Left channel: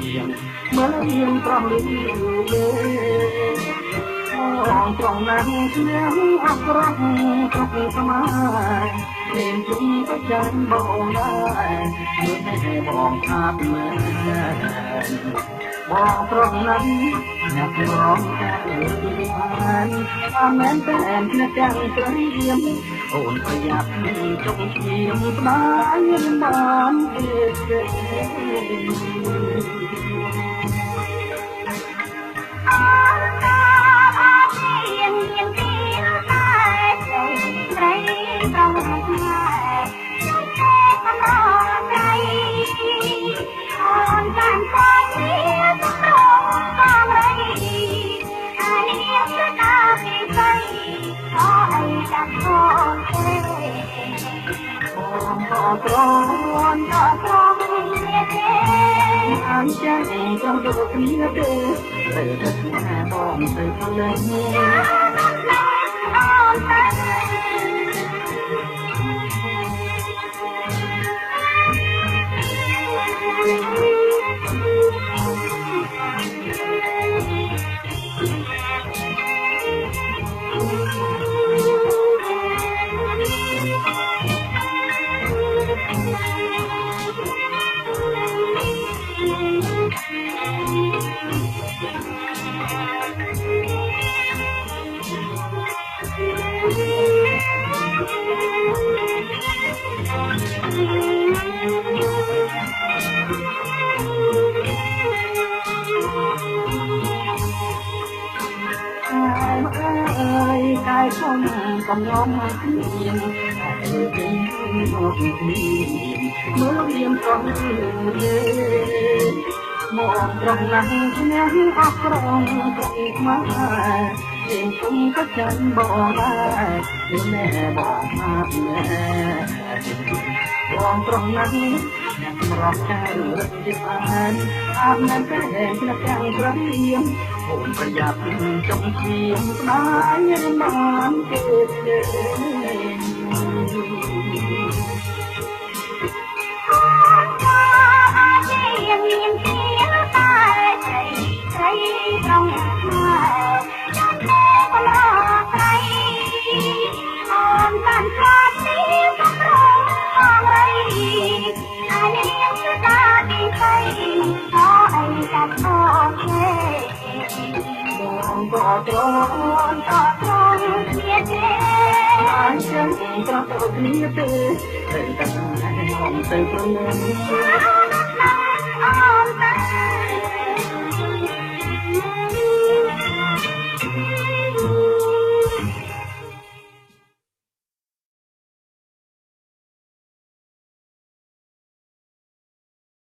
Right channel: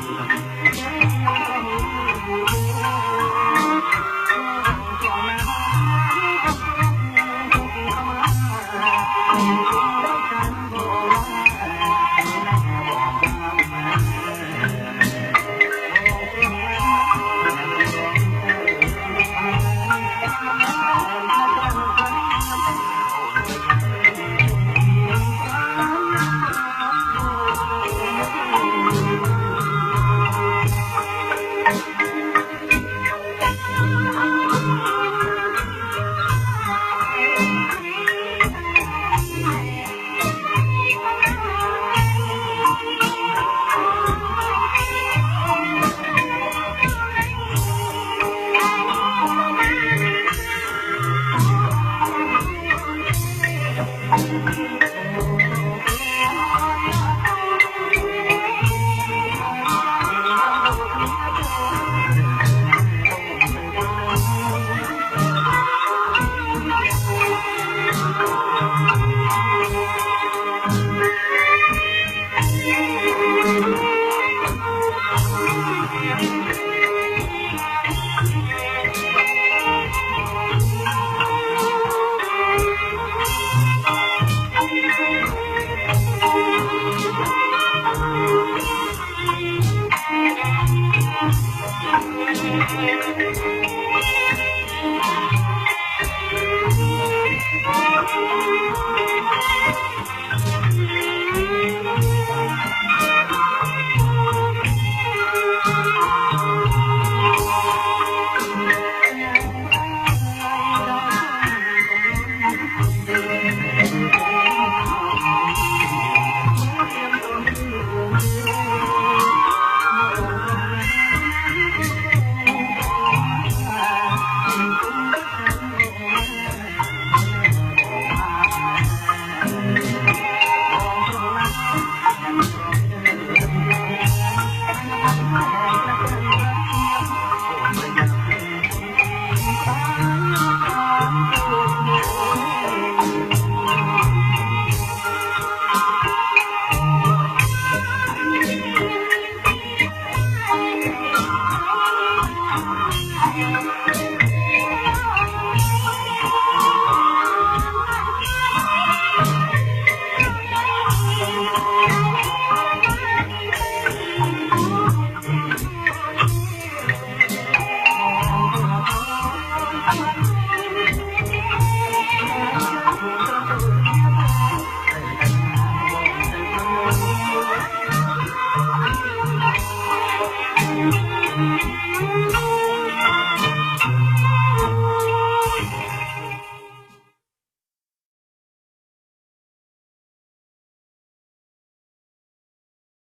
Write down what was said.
មើលយើងប្រោះលឺគេបងត្រង់ណាស់ខ្ញុំអស់ក្រោះគ្រប់ខ្មែរមានជុំទៅចាញ់បងដែរមើលណែបងអាប់មែនបងត្រង់ណាស់អ្នករងតែពីបានអាមែនតែអ្នកទាំងព្រៀមអូនប្រយ័ត្នចុកឈាមស្ដាយរំបានទេត្រង់ដល់ត្រង់គ្នាទេអញ្ចឹងត្រង់ដូចគ្នាទេត្រូវតែស្នេហ៍បងទៅព្រលឹងកំឡុងគ្នាហើយចេញមកមើលរៀមត្រង់ទេមកត្រង់ណាស់ខ្ញុំអស់ក្រងត្រង់មកមានគុំក៏ចាញ់បងដែរនោះណែបងអាប់ណែបងត្រង់ណាស់រកចៅជាបានអាប់ណែតែខ្ញុំទាំងព្រៀមអូនប្រយ័ត្នចុកឈាមស្ដាយរំបានទេត្រង់ដល់ត្រង់គ្នាទេអញ្ចឹងត្រង់ដូចគ្នាទេត្រូវតែមកទៅព្រលឹង